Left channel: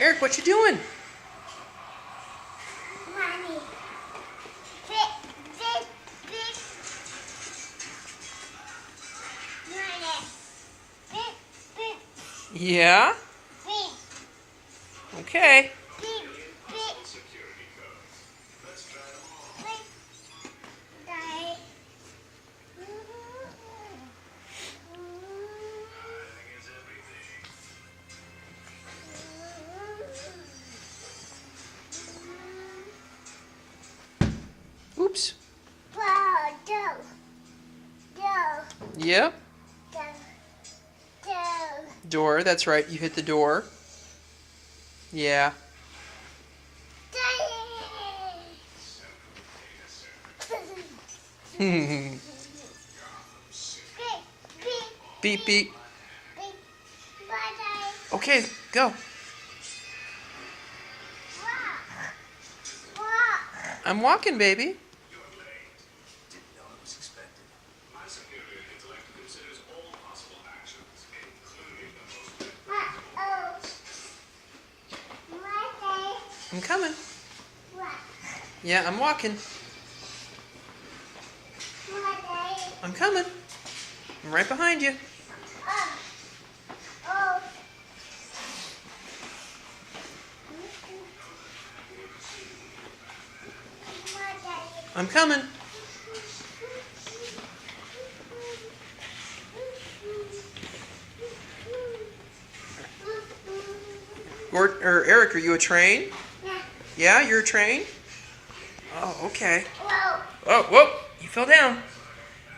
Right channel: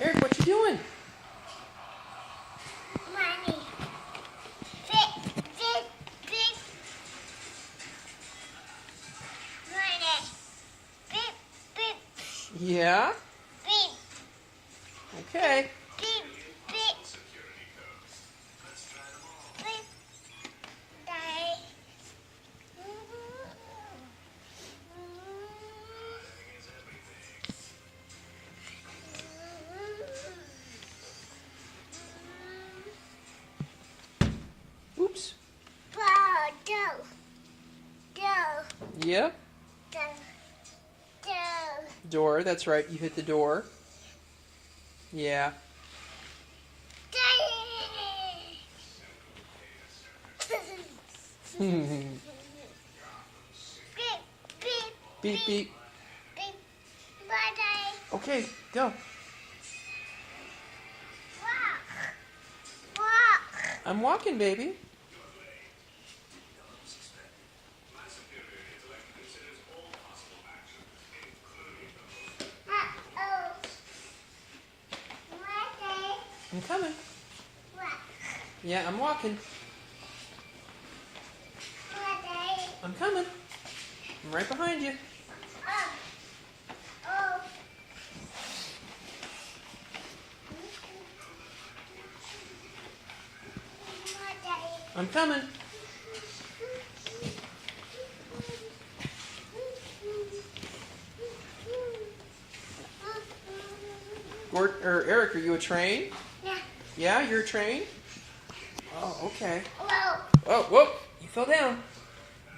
Erik, what you doing? Money. Big, big, big. Money. Big, big, Yeah? big, Okay. big, big. Big. Die. Oops. Wow, go. Go. Yep. Go. Go. Door, that's right. You hit the door. Yeah. Beep, beep. Okay, go. I'm walking, baby. I'm coming. Yeah, I'm walking. I'm coming. I'm right behind you. I'm coming. Erik, are you a train? Yeah, you're a train? Oh, okay. Oh, whoa, you fell down.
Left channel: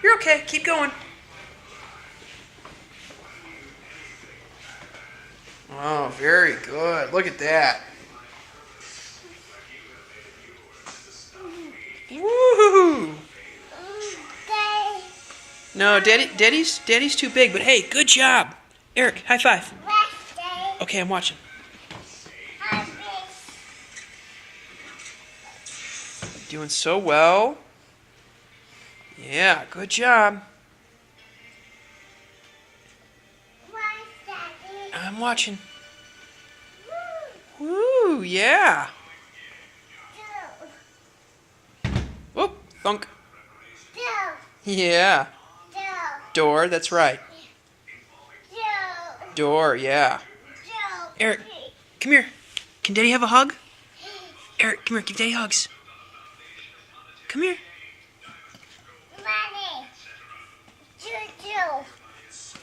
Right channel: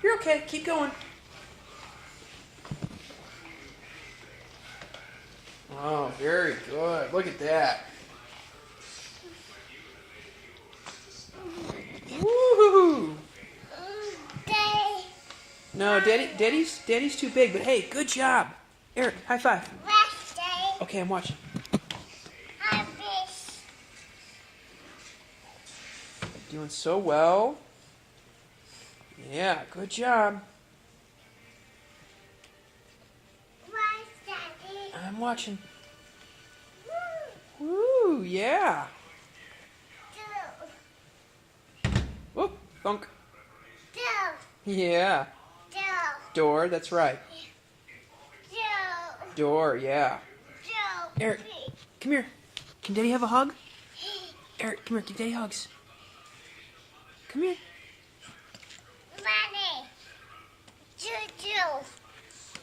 You're okay, keep going. Oh, very good. Look at that. Woohoo! No, Daddy's too big, but hey, good job. Erik, high five. Okay, I'm watching. Doing so well. Yeah, good job. I'm watching. Woo, yeah. Whoop, thunk. Yeah. Door, that's right. Door, yeah. Erik, come here. Can Daddy have a hug? Erik, come here, give Daddy hugs. Come here.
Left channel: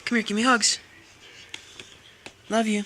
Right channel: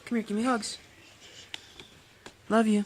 Come here, give me hugs. Love you.